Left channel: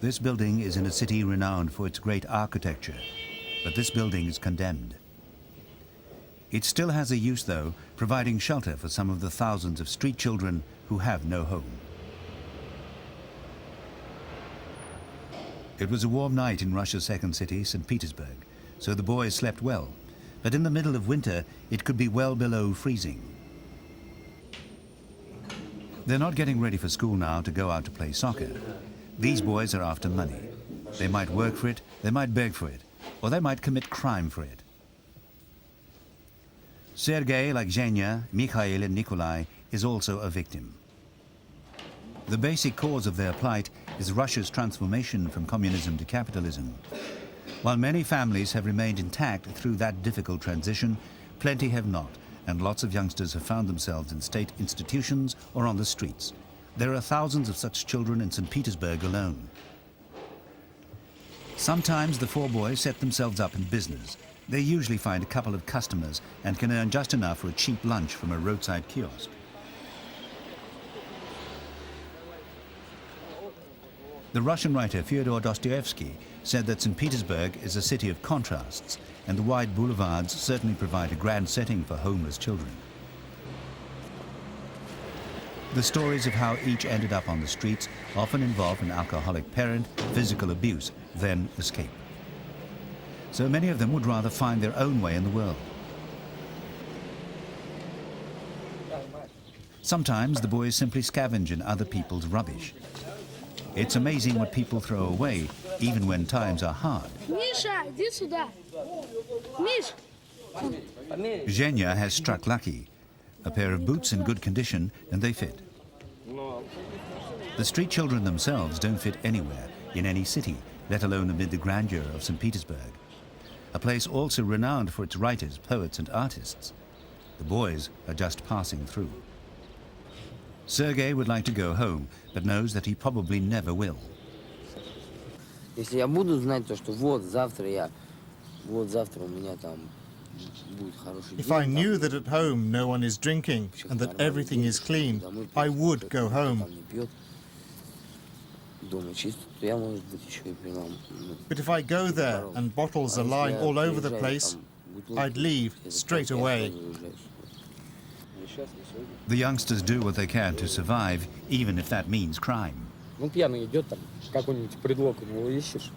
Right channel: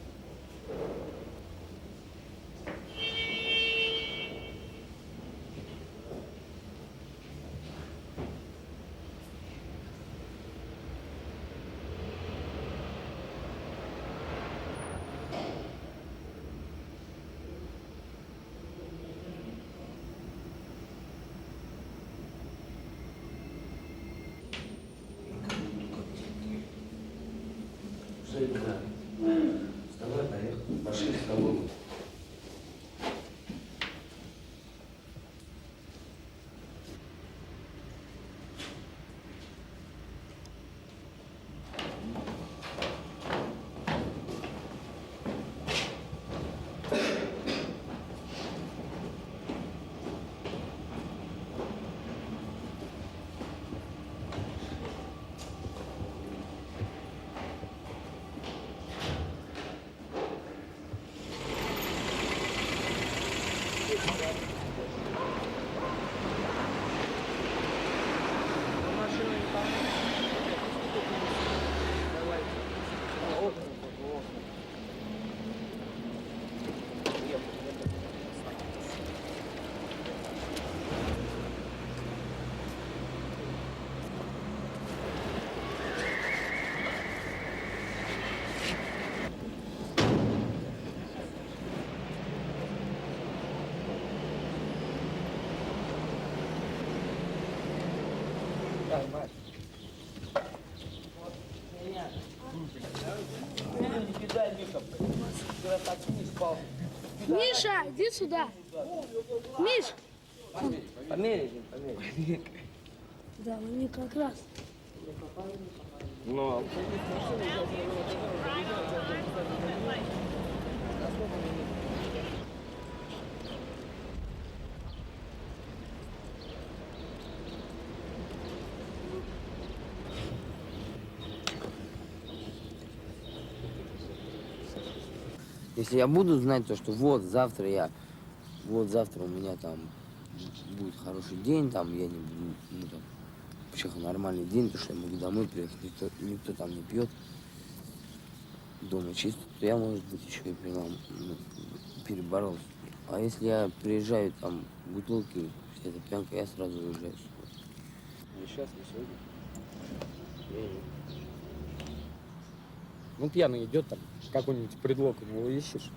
This building is in a city renowned for its great architecture, but this building is condemned. It still has a use, though, providing shelter for some of the thousands of street children who have no home. It was a warm night in Russia's second city, St. Petersburg, so the boys slept well. But in the middle of winter, it could be well below freezing. They're not getting ready for school now to go out to play soccer. These boys are after money. They might work for it, they might beg for it, or they might commit crime for it. Sergei, like Zhenya, Mikhail and Nikolai, is also a victim. The basic cause of their plight is Russia's transformation from communism to capitalism. While many families have remained intact through that difficult transition, plenty have not, and lots of youngsters have found themselves in state institutions or on the streets. There are thousands of such children in St. Petersburg alone. Sometimes the four boys set themselves up in business. They usually find a couple of customers and can earn just enough for a cheap lunch from a roadside kiosk. The Russian writer Fyodor Dostoevsky said that St. Petersburg is a city of contrasts, and the wide boulevards certainly provide a grand setting for homeless children. The stories of how each ended up on the streets often involve an alcoholic parent, physical abuse, then escape. So many of them would rather find their own way in the world. Sometimes the boys simply scavenge in other people's rubbish. It's amazing what people throw away, even when times are hard. Zhenya has struck lucky. A pair of boots in good condition, and they fit. The street children themselves don't fit anywhere, in any city, let alone amid the grandeur of St. Petersburg, a place also renowned for its writers, poets, and artists. The boys are just passing through. Sergei would like to go home, but knows that he probably never will. Если я буду знать то, что вот завтра у меня там будет хороший день. If I knew that at home no one is drinking and that everything is clean, I would go home. But if I go there and bottles are lying all over the place, I'd leave straight away. The youngsters do what they can to survive, even if that means crime.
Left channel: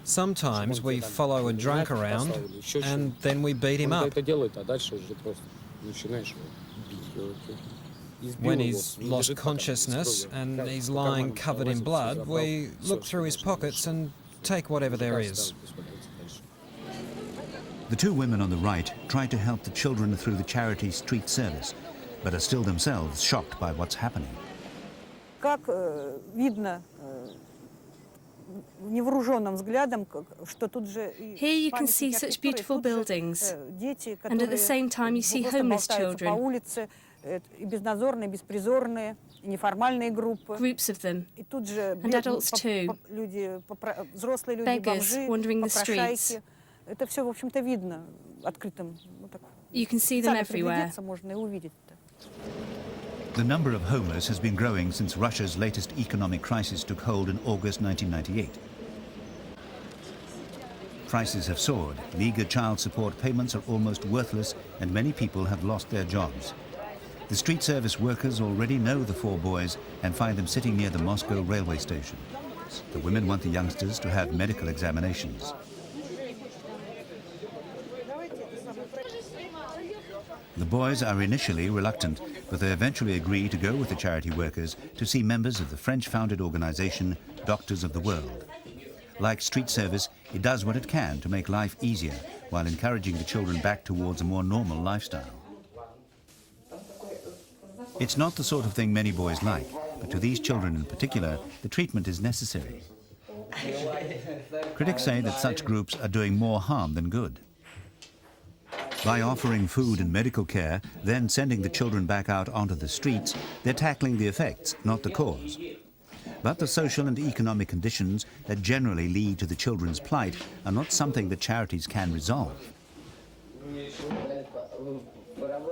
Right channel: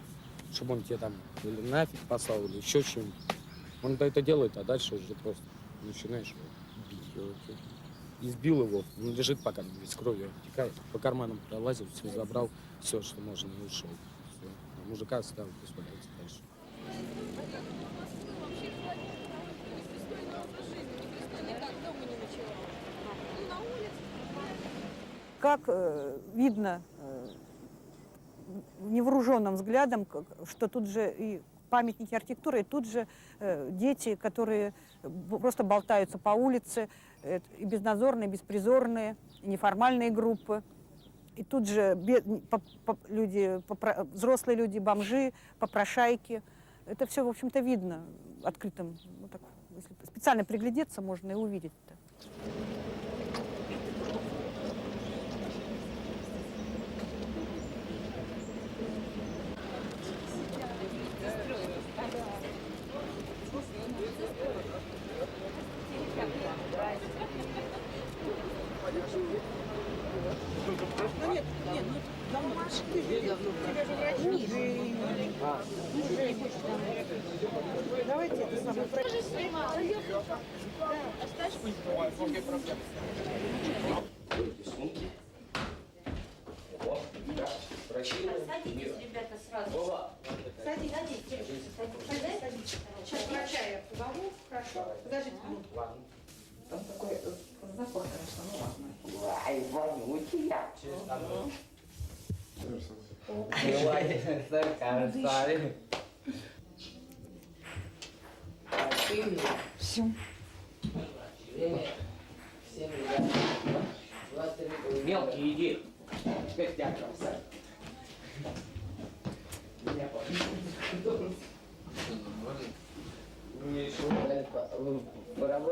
Sometimes we follow a drunk around and then we beat him up. When he's lost consciousness and he's lying covered in blood, we look through his pockets and take whatever there is. The two women on the right try to help the children through the Charities street service, but are still themselves shocked by what's happening. Here you can see such beautiful buildings, and at the same time you see homeless children, groups of them, and adults too, beggars wandering the streets. You can see them everywhere. The number of homeless has been growing since Russia's latest economic crisis took hold in August 1998. Prices have soared, meager child support payments are almost worthless, and many people have lost their jobs. The street service workers already know the four boys and find them sitting near the Moscow railway station. The women want the youngsters to have medical examinations. The boys are initially reluctant, but they eventually agree to go with the charity workers to see members of the French-founded organization Doctors of the World. Like street service, it does what it can to make life easier while encouraging the children back towards a more normal lifestyle. It's not the sort of thing many boys like, but to these children in particular, the treatment is necessary. Critics say that such groups are doing more harm than good. By offering food and medical care, then sending the children back out onto the streets, they're tackling the effects, not the cause. But the social and economic conditions that generally lead to the children's plight are not something that charities can resolve.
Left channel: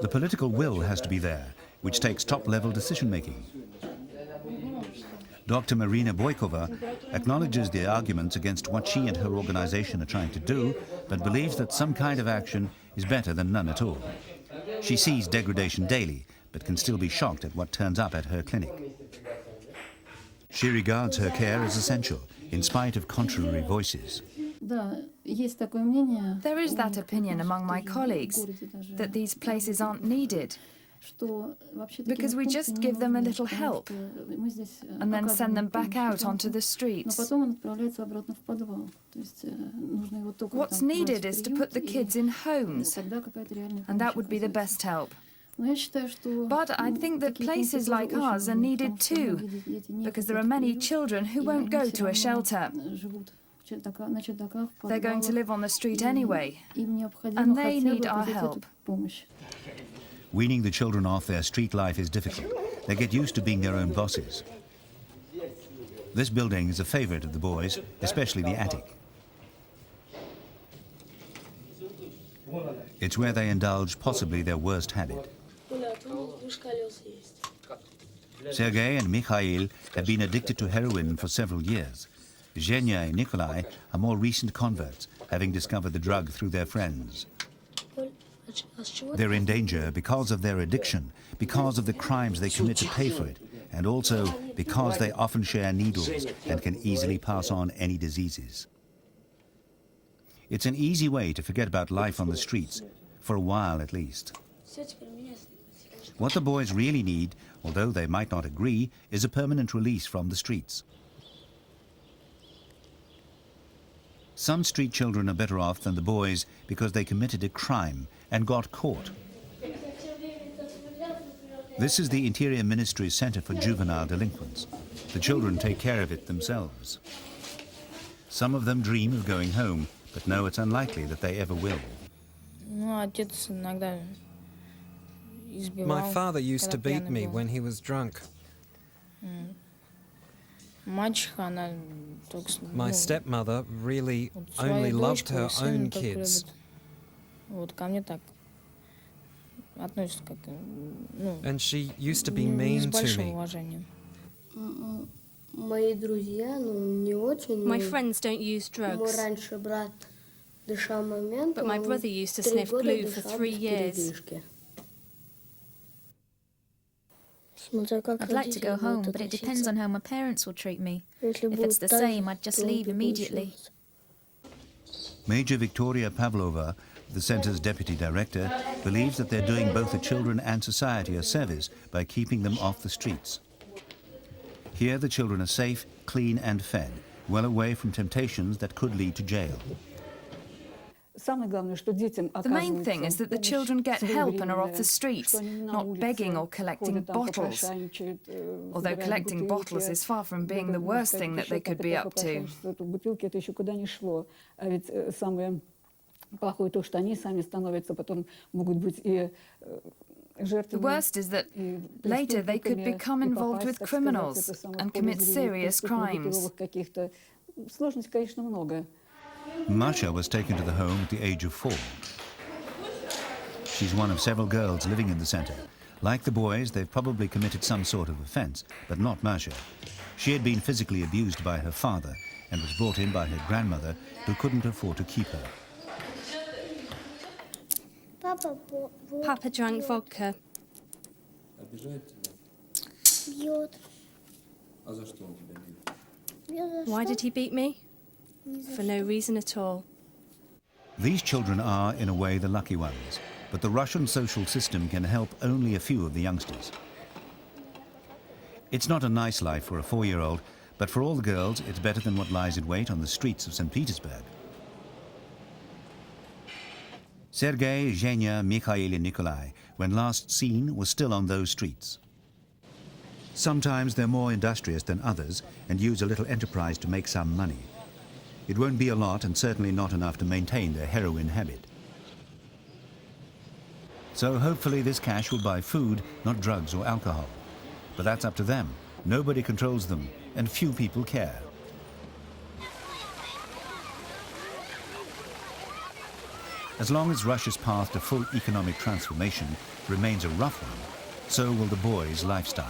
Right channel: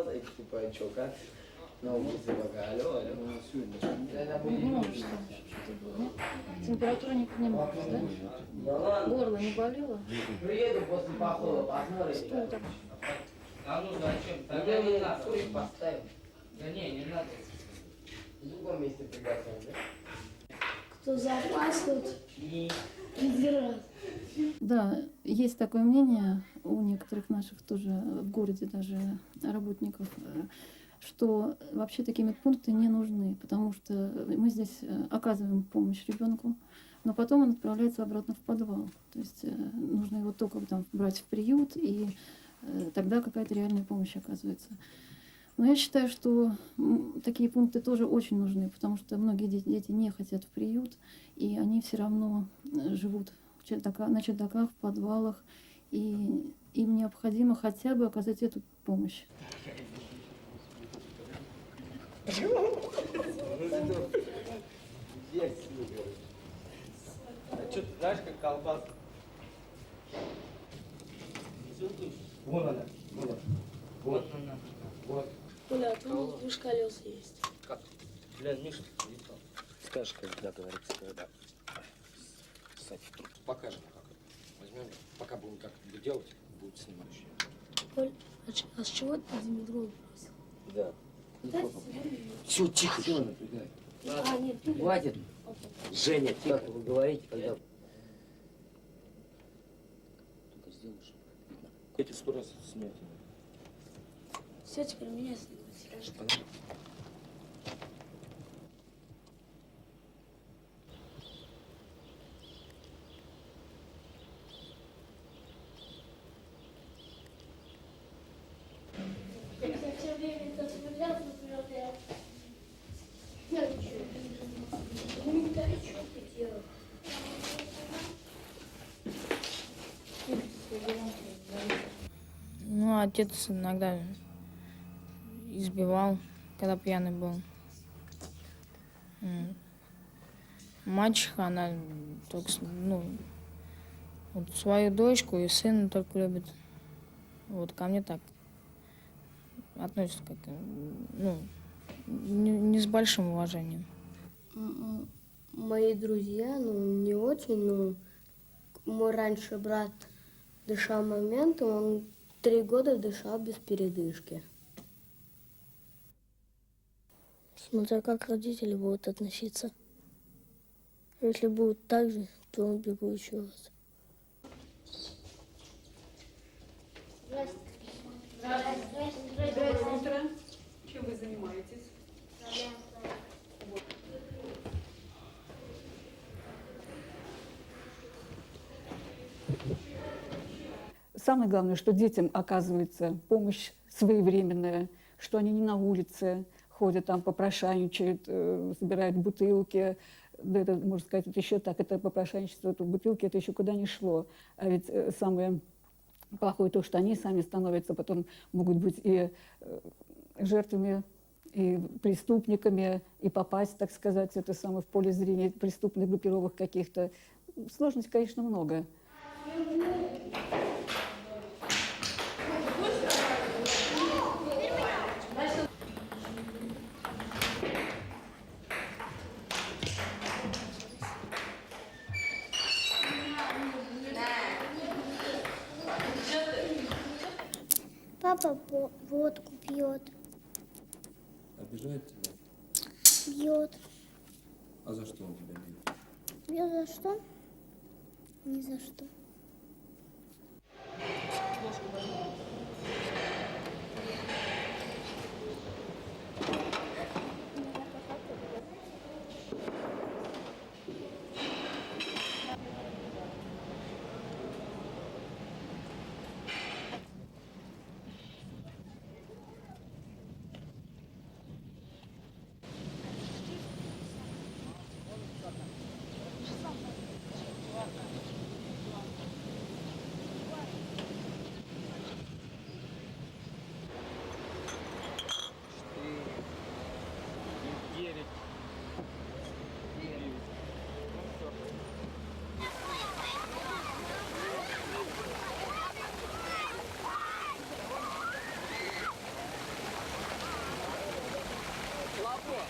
The political will has to be there, which takes top-level decision-making. Dr. Marina Boykova acknowledges the arguments against what she and her organization are trying to do, but believes that some kind of action is better than none at all. She sees degradation daily, but can still be shocked at what turns up at her clinic. She regards her care as essential, in spite of contrary voices. There is that opinion among my colleagues that these places aren't needed, because we just give them a little help and then send them back out onto the streets. What's needed is to put the kids in homes, and that would be the best help. But I think that places like ours are needed too, because there are many children who won't go to a shelter. They're going to live on the street anyway, and they need our help. Weaning the children off their street life is difficult. They get used to being their own bosses. This building is a favorite of the boys, especially the attic. It's where they indulge possibly their worst habit. Sergei and Mikhail have been addicted to heroin for several years. Zhenya and Nikolai are more recent converts, having discovered the drug through their friends. They're in danger because of their addiction, because of the crimes they commit to pay for it, and also because they often share needles and can easily pass on any diseases. It's an easy way to forget about life on the streets, for a while at least. What the boys really need, although they might not agree, is a permanent release from the streets. Some street children are better off than the boys because they committed a crime and got caught. This is the Interior Ministry's Center for Juvenile Delinquents. The children take care of it themselves. Some of them dream of going home, but know it's unlikely that they ever will. My father used to beat me when he was drunk. My stepmother really only loved her own kids. And she used to be mean to me. My friends don't use drugs, but my brother used to sniff glue for 3 years. I'd like to go home, but it depends on how my parents will treat me. If it's the same, I'd just leave immediately. Major Victoria Pavlova, the centre's deputy director, believes that they're doing both the children and society a service by keeping them off the streets. Here the children are safe, clean and fed, well away from temptations that could lead to jail. The main thing is that the children get help and are off the streets, not begging or collecting bottles. Although collecting bottles is far from being the worst thing that they could be up to. The worst is that later they could become involved with criminals and commit serious crimes. Masha was taken to the home at the age of 4. She's one of several girls living in the center. Like the boys, they've probably committed some sort of offense, but not Masha. She had been physically abused by her father and was brought in by her grandmother, who couldn't afford to keep her. Papa drank vodka. Why did he beat me? For no reason at all. These children are, in a way, the lucky ones, but the Russian social system can help only a few of the youngsters. It's not a nice life for a 4-year-old, but for all the girls, it's better than what lies in wait on the streets of St. Petersburg. Sergei, Zhenya, Mikhail and Nikolai, when last seen, were still on those streets. Sometimes they're more industrious than others and use a little enterprise to make some money. It won't be a lot and certainly not enough to maintain their heroin habit. So hopefully this cash will buy food, not drugs or alcohol. But that's up to them. Nobody controls them, and few people care. As long as Russia's path to full economic transformation remains a rough one, so will the boys' lifestyle.